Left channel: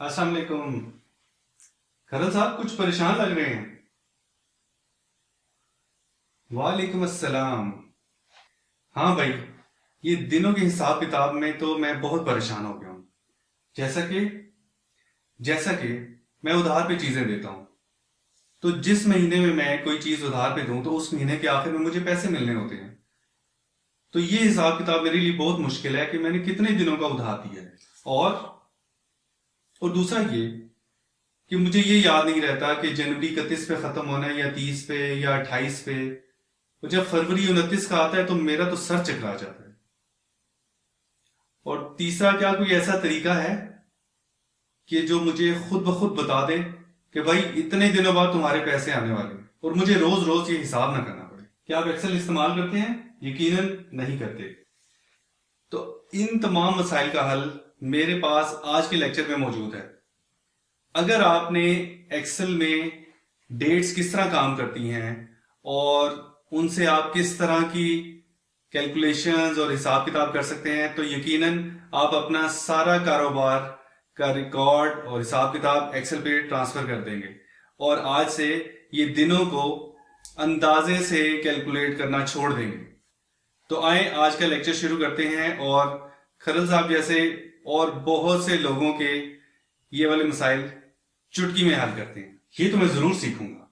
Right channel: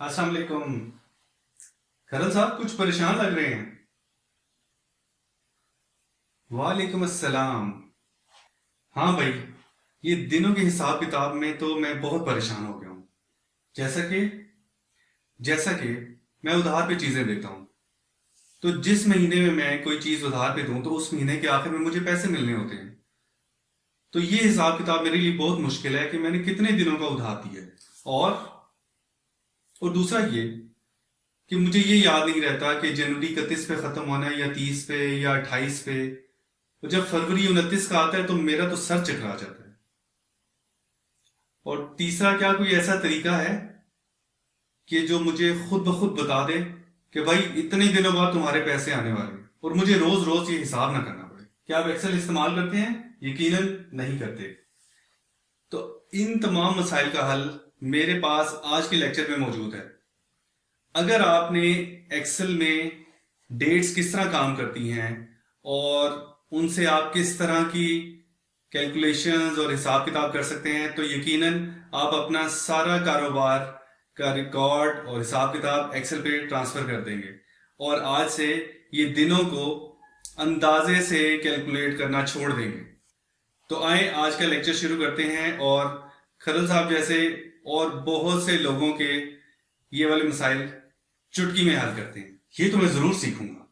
अस्सलाम वालेकुम। खरल साहब कुछ परेशान लग रहे हैं। वालेकुम अस्सलाम। हाँ भाई, ये दिनों के हिसाब किताब में तो मैं बहुत परेशान हो गया हूँ। जैसा कि जैसा कि मैं उधार पे चीजें देता हूँ, तो जिस महीने में मैं कोई चीज उधार पे दूं तो उस महीने के आखिर में मुझे पैसे मिलने होते हैं। तो ये हिसाब किताब मेरे लिए बहुत मुश्किल है कि मैंने कितने दिनों का उधार दिया है। और और दूसरा ये कि मुझे ये याद नहीं रहता कि जनवरी 31 पे खत्म होना है या 30 पे या 28 पे। और जब फरवरी 29 का आता है तो मेरा तो सर चकरा जाता है। और तीसरा, क्या कोई ऐसा तरीका है कि जो मुझे खुद ब खुद बता दे कि भाई इतने दिनों बाद तुम्हारे पैसे आने वाले हैं और मुझे रोज रोज ये हिसाब ना करना पड़े। क्या आप एक्सेल इस्तेमाल करते हैं? यकीनन नहीं करते। तो इन तमाम मसाइल का हल मेरे पास आज के लेक्चर में मौजूद है। अगर आपने एक्सेल में डेट्स किस तरह काम करती हैं और उनसे आप किस तरह की कैलकुलेशंस और हिसाब किताब कर सकते हैं, तो यकीनन आप अपना सारा कारोबार का रिकॉर्ड और हिसाब किताब एक्सेल पे ट्रांसफर कर देंगे और आज से ये दिनों को अंदाजे से कैलकुलेट करना छोड़ देंगे। तो आए आज का लेक्चर शुरू करते हैं और खरल साहब जैसे और बहुत से लोगों के ये वाले मसाइल चुटकी में हल करते हैं। ये तो मैं जरूर सीखूंगा।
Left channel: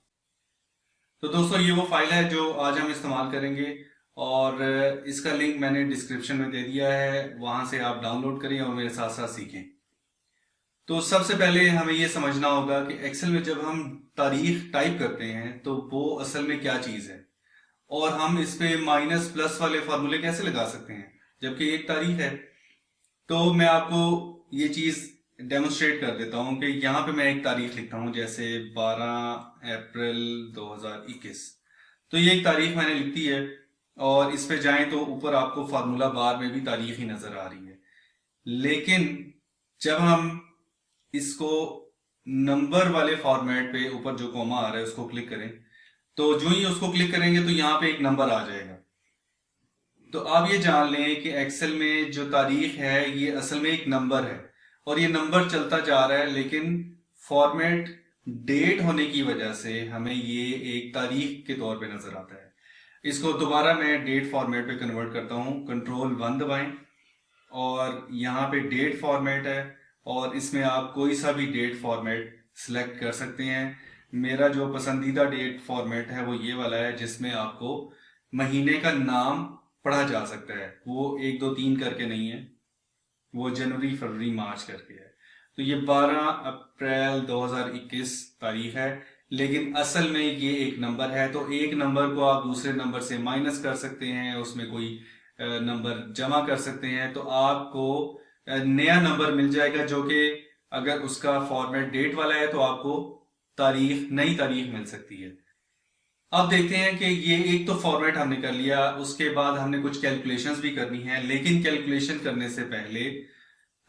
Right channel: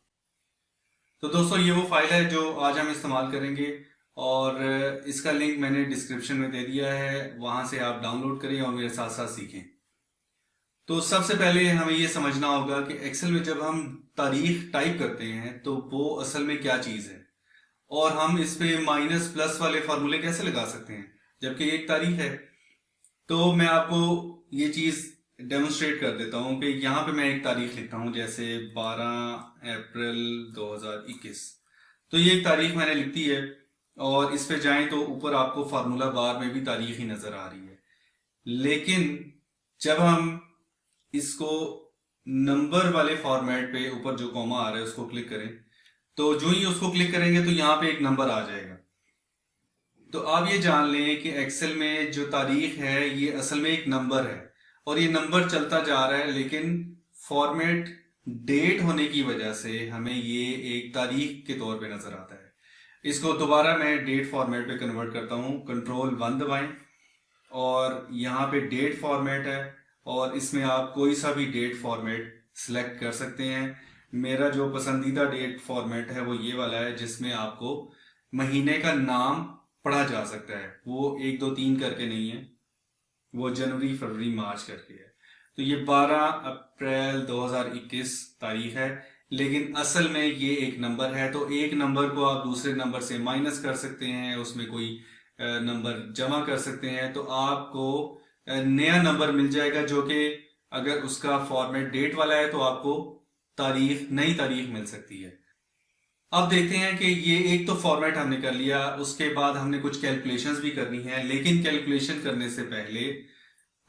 तो दोस्तों, ये वो फाइल है जो आज हम इस्तेमाल करेंगे और इसका लिंक मैंने डिस्क्रिप्शन में दे दिया है, वहां से आप डाउनलोड करें और मेरे साथ साथ सीखें। तो सबसे पहले हमें ये समझना होगा कि एक्सेल में जब हम तारीख टाइप करते हैं तो वो असल में क्या चीज़ है और हम इस पे माइनस प्लस वाले फार्मूले कैसे लगा सकते हैं जबकि एक तारीख है। तो मैं आपको ये चीज़ डेमोन्स्ट्रेट कर देता हूँ कि यहाँ पे मैं एक तारीख लिखता हूँ, जैसे 12 अप्रैल 2021। तो ये एक तारीख मैंने लिख दी है और इस पे जाएं तो ऊपर आपको फार्मूला बार में भी तारीख ही नजर आ रही है। लेकिन जब हम इसको नंबर वाले फॉर्मेट पे ऊपर जो कॉमा आ रहा है उसको क्लिक करें, तो जो ही उसको क्लिक करेंगे तो यहाँ पे एक नंबर आ जाएगा। तो आप ये जान लें कि एक्सेल में जो तारीख है ये असल में एक नंबर है और ये नंबर चलता जा रहा है, लेकिन फॉर्मेट डेट होने की वजह से हमें ये एक तारीख के तौर पे नजर आता है। इसको दोबारा मैं डेट फॉर्मेट पे कन्वर्ट करता हूँ, कंट्रोल 1 दबाएं और यहाँ पे डेट फॉर्मेट है और इसमें आप कोई सा भी डेट फॉर्मेट सिलेक्ट कर सकते हैं। मेरा जो पसंदीदा डेट फॉर्मेट है वो ये वाला है जिसमें आपको महीने का नाम पढ़ा जा सकता है। वो 1 2 3 करके नहीं है, वो जनवरी फरवरी मार्च करके है। तो ये 12 अप्रैल 2021 तारीख है, लेकिन असल में ये एक नंबर है। तो एक नंबर को आप दूसरे नंबर से माइनस कर सकते हैं, उसमें कोई नंबर जमा कर सकते हैं, तो आपको नया नंबर मिल जाएगा जो कि अगर उसका फॉर्मेट डेट वाला है तो आपको नई तारीख मिल सकती है। अब देखते हैं कि ये एक तो फॉर्मेट हमने कर लिया, उसके बाद हमने कुछ कैलकुलेशंस भी करनी है, लेकिन कैलकुलेशन करने से पहले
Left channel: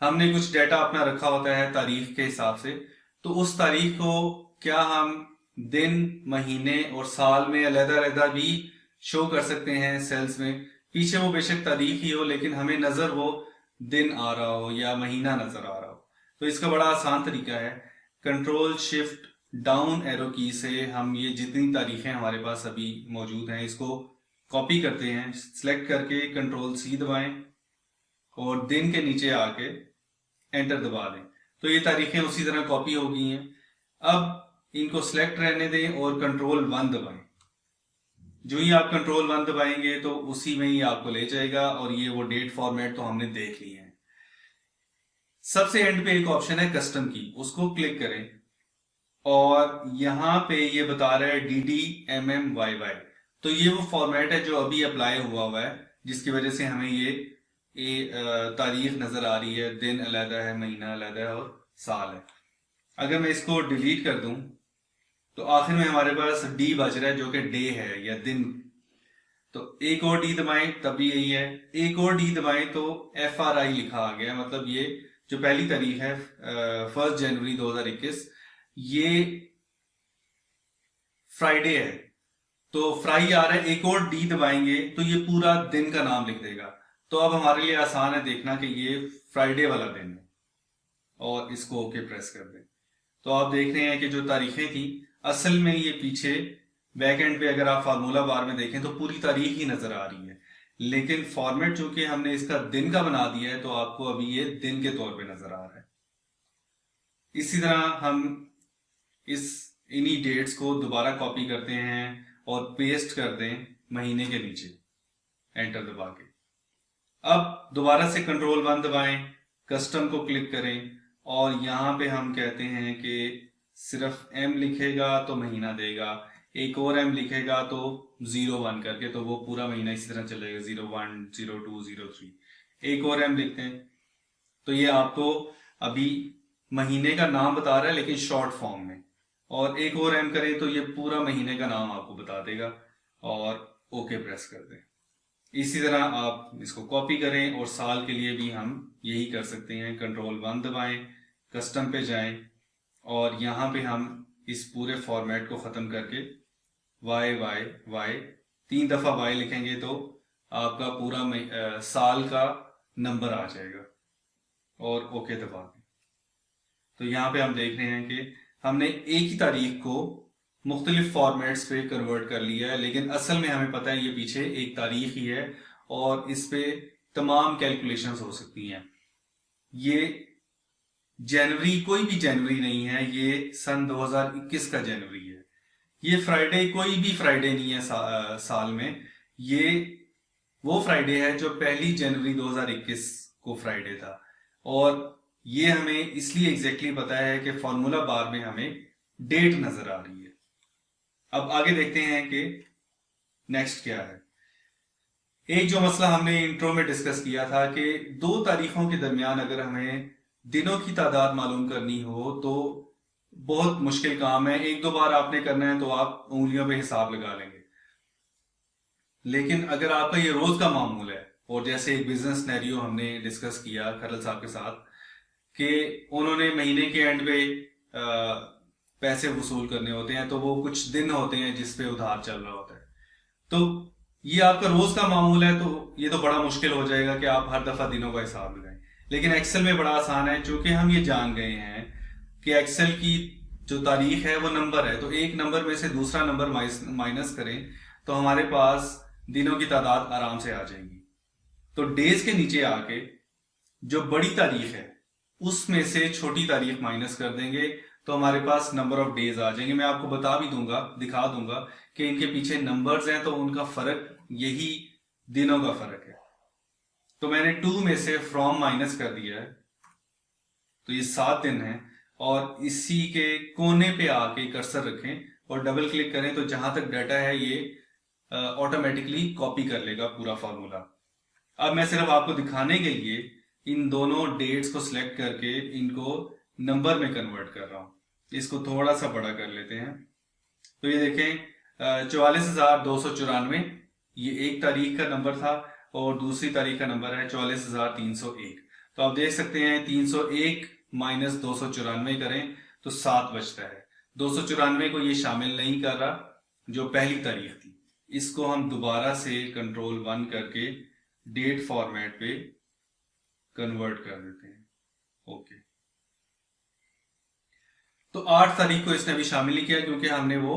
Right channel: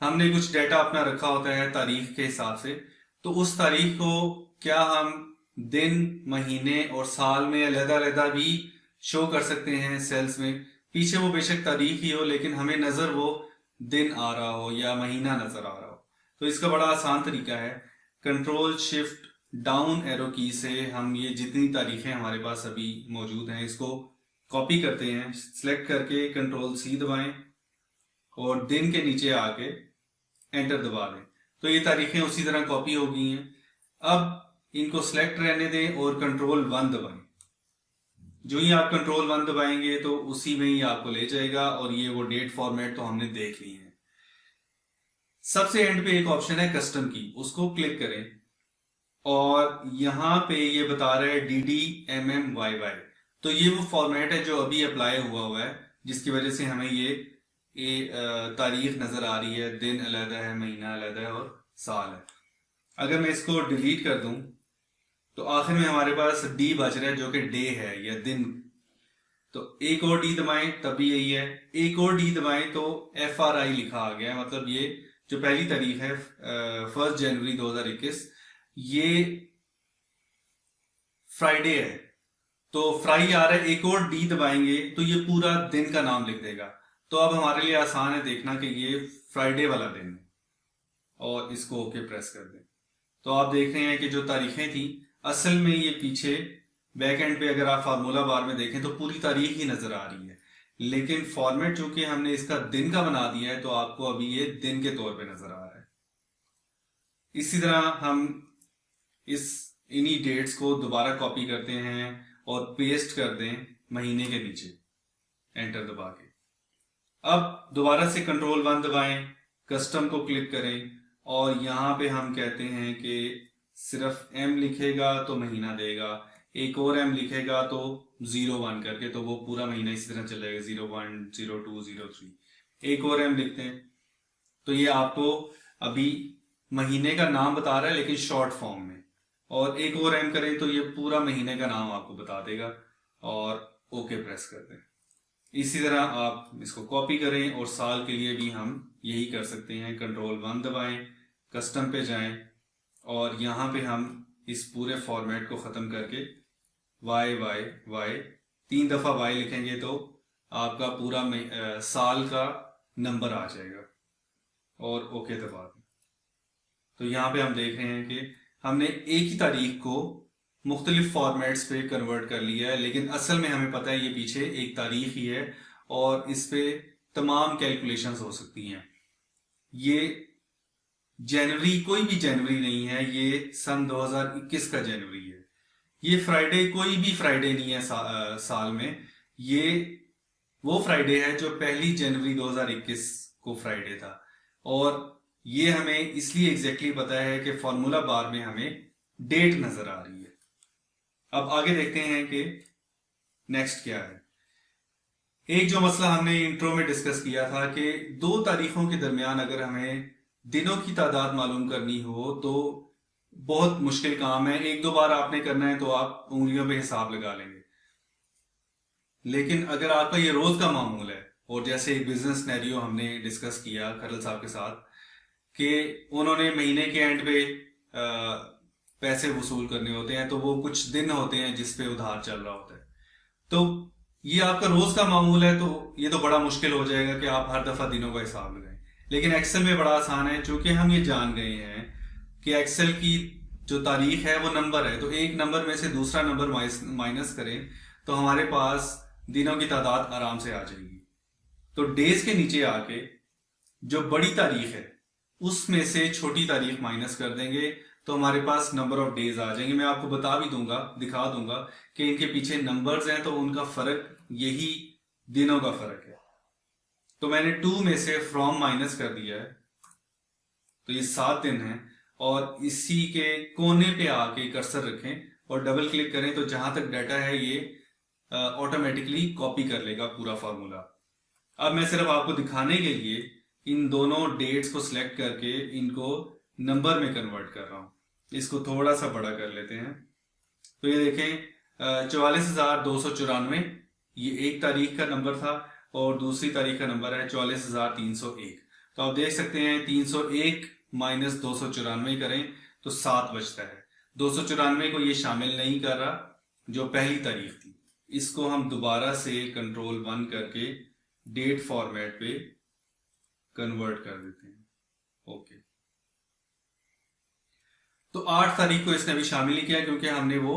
हमने कुछ डेटा अपना रखा होता है तारीख के हिसाब से। तो उस तारीख को क्या हम दिन, महीने और साल में अलग-अलग भी शो कर सकते हैं सेल्स में। पीछे वो बेशक तारीख ही हो लेकिन हमें नजर वो दिन आ रहा हो या महीना नजर आ रहा हो। तो इसका बड़ा आसान तरीका है, कंट्रोल शिफ्ट डाउन एरो की से हम ये जितनी तारीखें हमारे पास अभी मौजूद हैं इसको कॉपी करते हैं। सिलेक्ट करके कंट्रोल C दबाएं और दिन के नीचे आके एंटर दबा दें, तो ये तारीखें उसी तरह कॉपी हो गई हैं। अब इनको सिलेक्ट रहने दें और कंट्रोल 1 दबाएं। जो ही आप कंट्रोल 1 दबाएंगे तो उसी में ही आपको ले जाएगा और ये वो डेट फॉर्मेट तो हमने देख लिए हैं। सबसे एंड पे एक ऑप्शन है कस्टम की, उसको क्लिक करें और यहाँ पे ये बता रहा है DDMMYY। तो ये वो फॉर्मेट है जो अभी अप्लाई हुआ है, जिसकी वजह से हमें ये तारीख नजर आ रही है, दिन अलहदा है, महीना अलहदा है और साल है। अगर मैं इसको डिलीट कर दूं तो आखिर में हमारे पास D बच रहा है जो कि डे है या दिन। तो एक और D दबाएं तब भी यही है, एक और D दबाएं तो FRI लिखा आ गया, मतलब ये जो पहली तारीख है 1 जनवरी 2021 ये फ्राइडे है। तो फ्राई आ रहा है, एक और D दबाएंगे तो ये पूरा दिन का नाम लिख देगा। तो अब हमारे लिए आसान है देखना कि ये फ्राइडे वाला दिन है। और इसको ओके प्रेस कर दें। तो आप देख रहे हैं कि जो तारीखें थी असल में ये पीछे बैक एंड पे अगर आप फार्मूला बार में देखें तो पूरी तारीख ही नजर आ रही है, लेकिन फॉर्मेट चूंकि हमने इसका दिन का बना दिया है तो आपको अभी ये दिन के तौर पे नजर आ रहा है। इसी तरह हम इन्हीं डेट्स को दोबारा कॉपी करते हैं और पेस्ट कर दें महीने के नीचे, एंटर दबा के। अब दोबारा से कंट्रोल 1 दबाएं, कस्टम को क्लिक करें और यहां पे हम कहते हैं कि सिर्फ M लिखेगा तो महीना देगा, एक और M लिखेगा तो 01 करके, तो वो पूरा महीना इसी तरह चलेगा 01, 02, 03। एक और M लिखते हैं तो ये आपको अभी महीने का नाम बता रहा है लेकिन शॉर्ट फॉर्म में, और एक और M करें तो ये पूरा महीने का नाम आपको बता देगा और ओके प्रेस कर दें। इसी तरह आप इसको कॉपी करें और साल के लिए भी हम यही कर सकते हैं। कंट्रोल 1 दबाएं, कस्टम पे जाएं और यहाँ पे हम इस पूरे फॉर्मेट को ख़त्म करके y 3 दफ़ा y लिखेंगे तो आपका पूरा साल का नंबर आ जाएगा और ओके दबा दें। तो यहाँ पे हम देख रहे हैं कि हमने एक ही तारीख को मुख्तलिफ फॉर्मेट्स पे कन्वर्ट कर लिया है, लेकिन असल में हमें पता है ये पीछे एक तारीख ही है और इस पे तमाम कैलकुलेशंस हो सकती हैं। ये जनवरी कोई भी जनवरी नहीं है, ये सन 2021 का जनवरी है। ये फ्राइडे कोई भी फ्राइडे नहीं है साल में, ये वो फ्राइडे है जो 1 जनवरी 2021 को फ्राइडे था। और ये हमें इसलिए एग्जैक्टली पता है कि फॉर्मूला बार में हमें डेट नजर आ रही है। अब आगे देखते हैं कि नेक्स्ट क्या है। एक जो मसला हमने इंट्रो में डिस्कस किया था कि 2 तारीखों के दरमियान अगर हमें दिनों की तादाद मालूम करनी हो तो बहुत मुश्किल काम है। 1-2 बार आपने करना है तो आप उंगलियों पे हिसाब लगा लेंगे, लेकिन अगर आपका ये रोज का मामूल है, और जैसे एक बिजनेस सिनेरियो हमने डिस्कस किया खरल साहब के साथ कि उन्होंने महीने के एंड पे पैसे वसूल करने होते हैं, तो वो कुछ दिन होते हैं जिस पे उधार चल रहा होता है, तो ये आपका रोज का मामूल है तो ये तो बड़ा मुश्किल हो जाएगा कि आप हर दफा दिनों का हिसाब लगाएं। लेकिन एक्सेल में बड़ा आसान है, चूंकि हम ये जान गए हैं कि एक्सेल की जो तारीख है वो नंबर है, तो एक नंबर में से दूसरा नंबर माइनस करें तो हमारे पास दिनों की तादाद आराम से आ जाएगी। तो डेज के नीचे आके जो बड़ी तारीख है उसमें से छोटी तारीख माइनस कर देंगे तो हमारे पास नंबर ऑफ डेज आ जाएंगे। मैं आपको बता भी दूंगा, दिखा दूंगा कि इनके पीछे नंबर्स हैं तो उनका फर्क यही दिनों का फर्क है। तो मैंने 2 में से फ्रॉम माइनस कर दिया है तो ये 7 दिन है, और इसी के कोने पे आके कर्सर रखें और डबल क्लिक करें तो जहां तक डाटा है ये ऑटोमेटिकली कॉपी कर लेगा पूरा फॉर्मूला। अब मैं सिर्फ आपको दिखाने के लिए इन दोनों डेट्स को सिलेक्ट करके इनको नंबर में कन्वर्ट कर रहा हूं। इसको थोड़ा सा बड़ा कर लेते हैं। तो ये देखें 44,294 ये एक तारीख का नंबर था और दूसरी तारीख का नंबर है 44,301। तो आप देख सकते हैं 301 माइनस 294 करें तो 7 बचता है। 294 को ये शामिल नहीं कर रहा जो पहली तारीख थी। इसको हम दोबारा से कंट्रोल 1 करके डेट फॉर्मेट पे कन्वर्ट कर देते हैं। ओके, तो 8 तारीख को इसने अभी शामिल नहीं किया क्योंकि हमने वो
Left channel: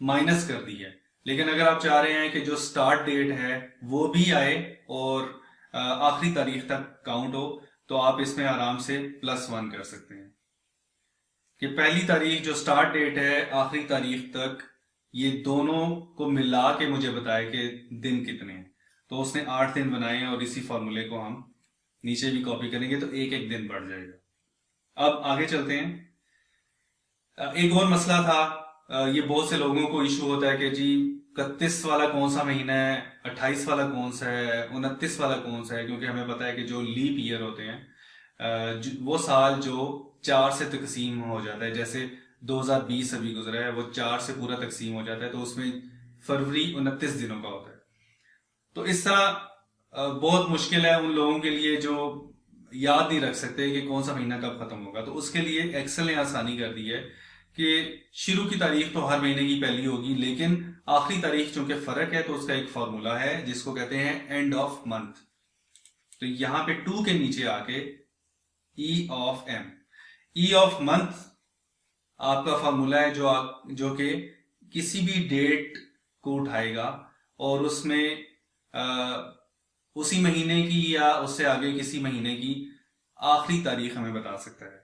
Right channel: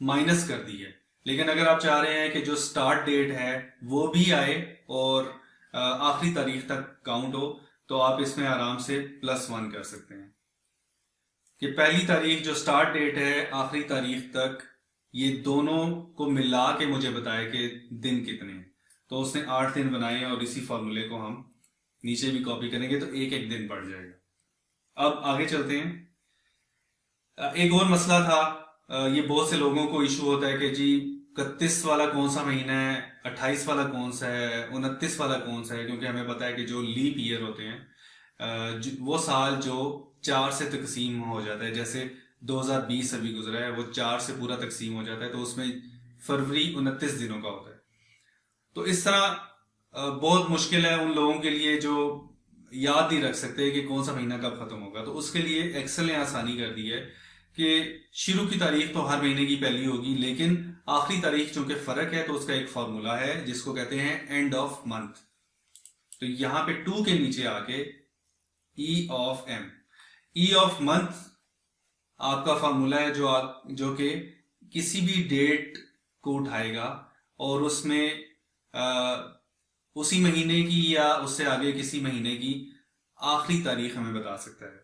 माइनस कर दी है। लेकिन अगर आप चाह रहे हैं कि जो स्टार्ट डेट है वो भी आए और आखिरी तारीख तक काउंट हो तो आप इसमें आराम से +1 कर सकते हैं कि पहली तारीख जो स्टार्ट डेट है आखिरी तारीख तक ये दोनों को मिला के मुझे बताए कि दिन कितने हैं। तो उसने 8 दिन बनाए हैं और इसी फॉर्मूले को हम नीचे भी कॉपी करेंगे तो एक एक दिन बढ़ जाएगा। अब आगे चलते हैं। एक और मसला था, ये बहुत से लोगों को इशू होता है कि जी 31 वाला कौन सा महीना है, 28 वाला कौन सा है, 29 वाला कौन सा है, क्योंकि हमें पता है कि जो लीप ईयर होते हैं वो साल जो 4 से तकसीम हो जाता है, जैसे 2020 अभी गुजरा है वो 4 से पूरा तकसीम हो जाता है तो उसमें फरवरी 29 दिनों का होता है। तो इस तरह बहुत मुश्किल है उन लोगों के लिए जो याद नहीं रख सकते कि कौन सा महीना कब खत्म होगा। तो उसके लिए एक्सेल ने आसानी कर दी है कि शुरू की तारीख तो हर महीने की पहली होगी, लेकिन आखिरी तारीख चूंकि फर्क है तो उसका एक फॉर्मूला है जिसको कहते हैं एंड ऑफ मंथ। तो यहां पे 2 के नीचे आके E of M, E of month आपका फार्मूला है जो कि किसी भी डेट को उठाएगा और उसमें उसी महीने की या उससे आगे किसी महीने की आखिरी तारीख हमें बता सकता है।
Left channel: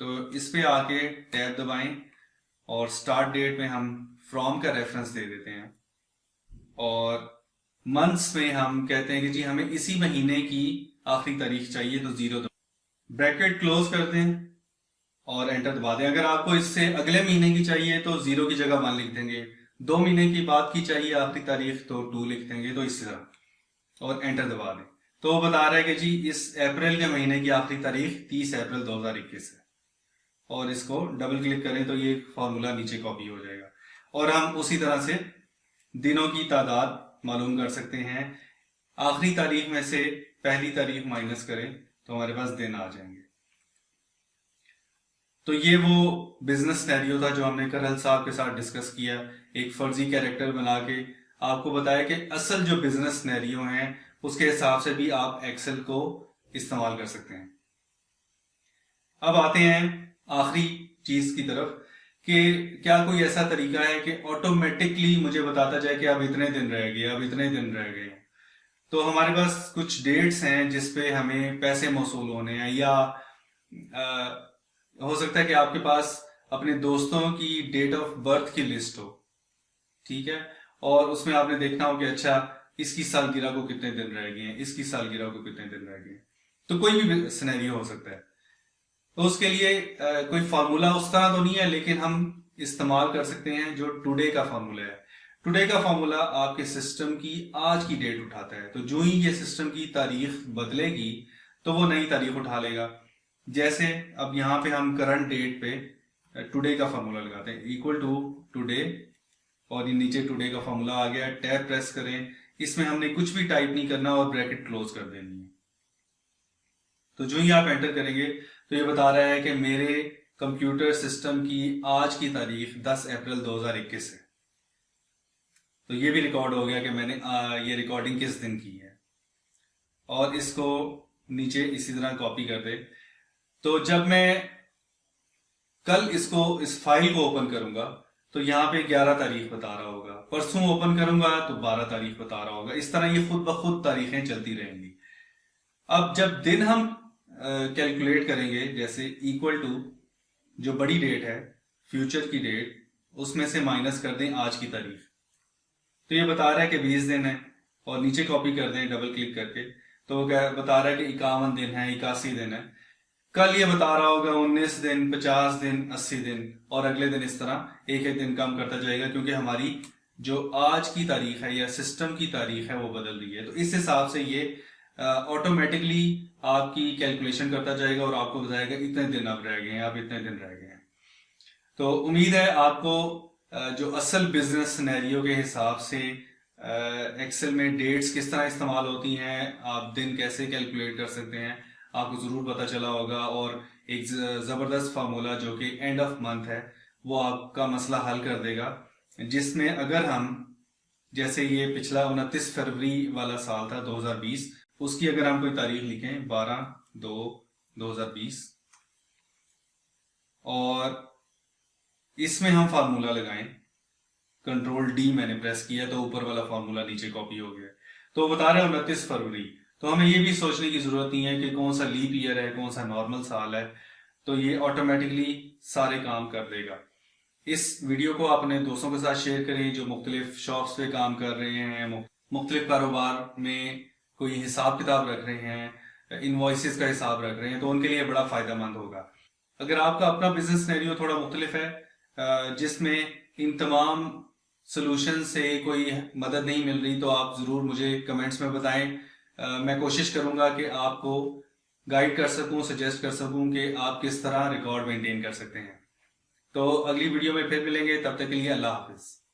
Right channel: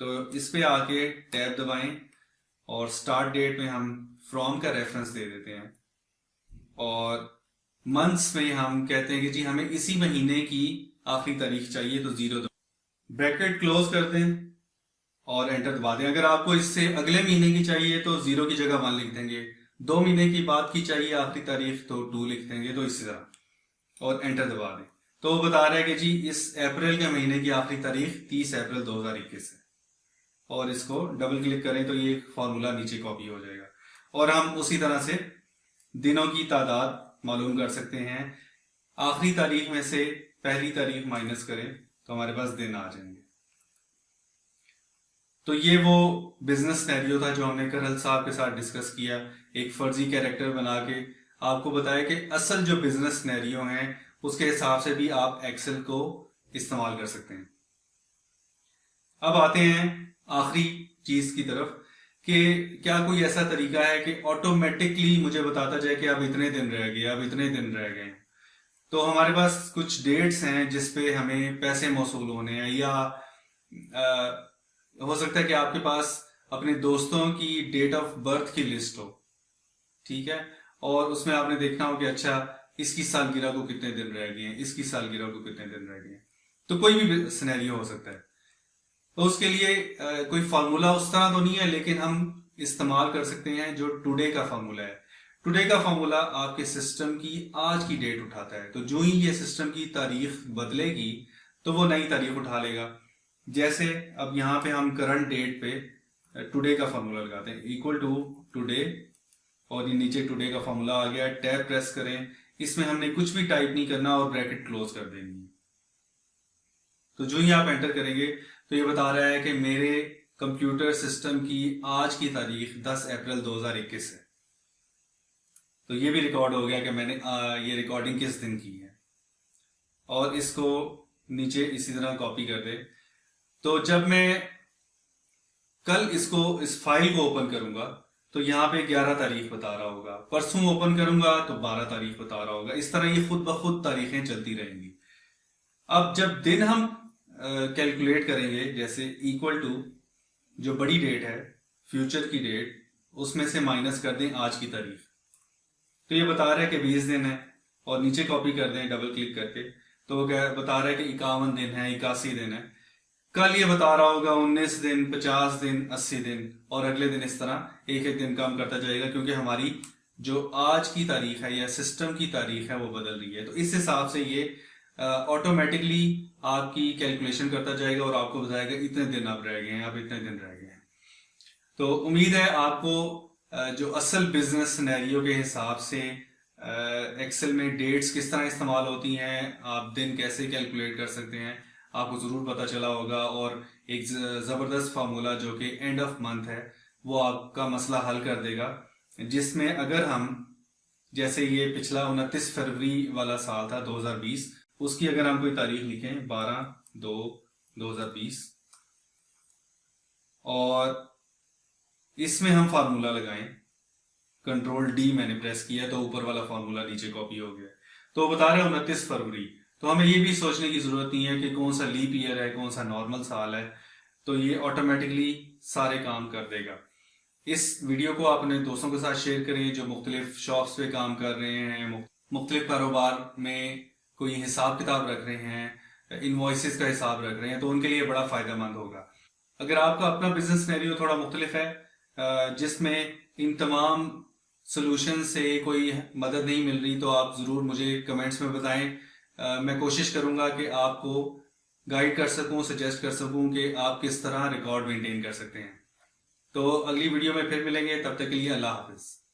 तो इस पे आके टैब दबाएं और स्टार्ट डेट में हम फ्रॉम का रेफरेंस दे देते हैं और मंथ्स में हम कहते हैं कि जी हमें इसी महीने की आखिरी तारीख चाहिए, तो 0 ब्रैकेट क्लोज कर दें और एंटर दबा दें। अगर आपको इससे अगले महीने की चाहिए तो 0 की जगह 1 लिख देंगे, 2 महीने की बाद की चाहिए आखिरी तारीख तो 2 लिख देंगे, तो इसी तरह और एंटर दबा दें। तो वो बता रहा है कि जी इस अप्रैल के महीने की आखिरी तारीख 30 अप्रैल 2021 है और इसको डबल क्लिक करें तो ये फॉर्मूला नीचे कॉपी हो जाएगा और हम उसी तरह से दिनों की तादाद मालूम कर सकते हैं। आखिरी तारीख में से पहली तारीख माइनस करें तो हमारे पास दिन आ जाएंगे। तो ये वो बिजनेस सिनेरियो था जो हमने करहल साहब के साथ डिस्कस किया, एक फर्जी कैरेक्टर बना के आपको बताया कि असल जो बिजनेस सिनेरियो हैं उसके हिसाब से भी आप एक्सेल को इस्तेमाल कर सकते हैं। अब आते हैं आखिरी चीज की तरफ कि क्या कोई ऐसा तरीका है कि ऑटोमेटिकली मुझे बताता जाए कि अब इतने दिन रह गए, अब इतने दिन रह गए। तो हमारे पास कुछ डेट्स हैं जिसपे हमें पैसे मौसूल होने हैं, या हो सकता है कि आपके पास अपने दोस्तों की डेट ऑफ बर्थ की लिस्ट हो, ठीक है, और उसमें आपने देखना हो कि अच्छा इसकी सालगिरह को कितने दिन रह गए हैं, इसकी सालगिरह को कितने दिन रह गए हैं। तो कोई भी सिनेरियो हो सकता है। तो उसके लिए कोई फार्मूला उस तरह तो नहीं है, लेकिन हम इस्तेमाल कर सकते हैं जो टुडे का फार्मूला है। टुडे का फार्मूला आपके सिस्टम की आज की डेट उठाता है। तो जो ही ये सिस्टम की तारीख बदलेगी तो वो नई तारीख उठा लेगा। जैसे अब यहाँ पे हम करंट डेट पे टुडे का फार्मूला लगाते हैं, इक्वल टू टुडे, और ये नीचे टुडे का फार्मूला आ गया। टैब प्रेस करें, इसमें हमने कुछ भी टाइप नहीं करना और ब्रैकेट क्लोज कर देनी है। तो जो ही आप एंटर करेंगे तो ये बता रहा है कि मेरे कंप्यूटर सिस्टम की आज की तारीख 10 अप्रैल 2021 है। तो ये भी रिकॉर्ड हो गया कि मैंने ये रिकॉर्डिंग किस दिन की है। और इसको नीचे इसी तरह कॉपी कर दे। तो जब मैं कल इस फाइल को ओपन करूंगा तो यहाँ पे 11 तारीख बता रहा होगा, परसों ओपन करूंगा तो 12 तारीख बता रहा होगा। इस तरह ये खुद ब खुद तारीखें चलती रहेंगी। अब जब दिन हम कैलकुलेट करेंगे, जैसे इक्वल टू जो बड़ी डेट है फ्यूचर की डेट, उसमें से माइनस कर दें आज की तारीख, तो ये बता रहा है कि 20 दिन है, और नीचे कॉपी कर दें डबल क्लिक करके तो वो बता रहा है कि 51 दिन है, 81 दिन है। कल ये बता रहा होगा 19 दिन, 50 दिन, 80 दिन, और अगले दिन इस तरह एक एक दिन कम करता जाएगा, क्योंकि हमारी जो आज की तारीख है या सिस्टम की तारीख है वो बदल रही है। तो इस हिसाब से ये ऑटोमेटिकली आपकी कैलकुलेशन करता जाएगा और आपको बताएगा इतने दिन अब रह गए हैं, अब इतने दिन रह गए हैं। तो उम्मीद है आपको जो असल बिजनेस सिनेरियो के हिसाब से एक्सेल में डेट्स किस तरह इस्तेमाल होती हैं, आप दिन कैसे कैलकुलेट कर सकते हैं, आपको ज़रूर पता चला होगा। और एक ज़बरदस्त फार्मूला जो कि एंड ऑफ मंथ है वो आपका मसला हल कर देगा, जिसमें अगर हम जैसे ये पिछला 29 फरवरी वाला साल था 2020, उसकी अगर हम कोई तारीख लिखें 12/2/2020 और इसमें हम फार्मूला लगाएं, कंट्रोल डी मैंने प्रेस किया तो ऊपर वाला फार्मूला नीचे कॉपी हो गया। तो बता रहे हैं 29 फरवरी, तो हमें ये भी सोचने की जरूरत नहीं है कि कौन सा लीप ईयर है, कौन सा नॉर्मल साल है, तो ये ऑटोमेटिकली सारे काम कर देगा। इस वीडियो को अपने दोस्तों के साथ शेयर करें जो मुख्तलिफ शॉप्स पे काम कर रहे हैं, मुख्तलिफ कारोबार में कोई हिसाब किताब रख रहे हैं, इनवॉइसेस का हिसाब रख रहे हैं, तो उनके लिए बड़ा फ़ायदेमंद होगा। अगर आपका अपना बिजनेस सिनेरियो थोड़ा मुख्तलिफ है जिसमें इन तमाम सोल्यूशन से कोई मदद नहीं मिल रही, तो आप ज़रूर मुझे कमेंट्स में बताएं। मैं कोशिश करूंगा कि आपको गाइड कर सकूं, सजेस्ट कर सकूं कि आप किस तरह रिकॉर्ड मेंटेन कर सकते हैं। तो अगली वीडियो में फिर मिलेंगे, तब तक के लिए अल्लाह हाफिज़।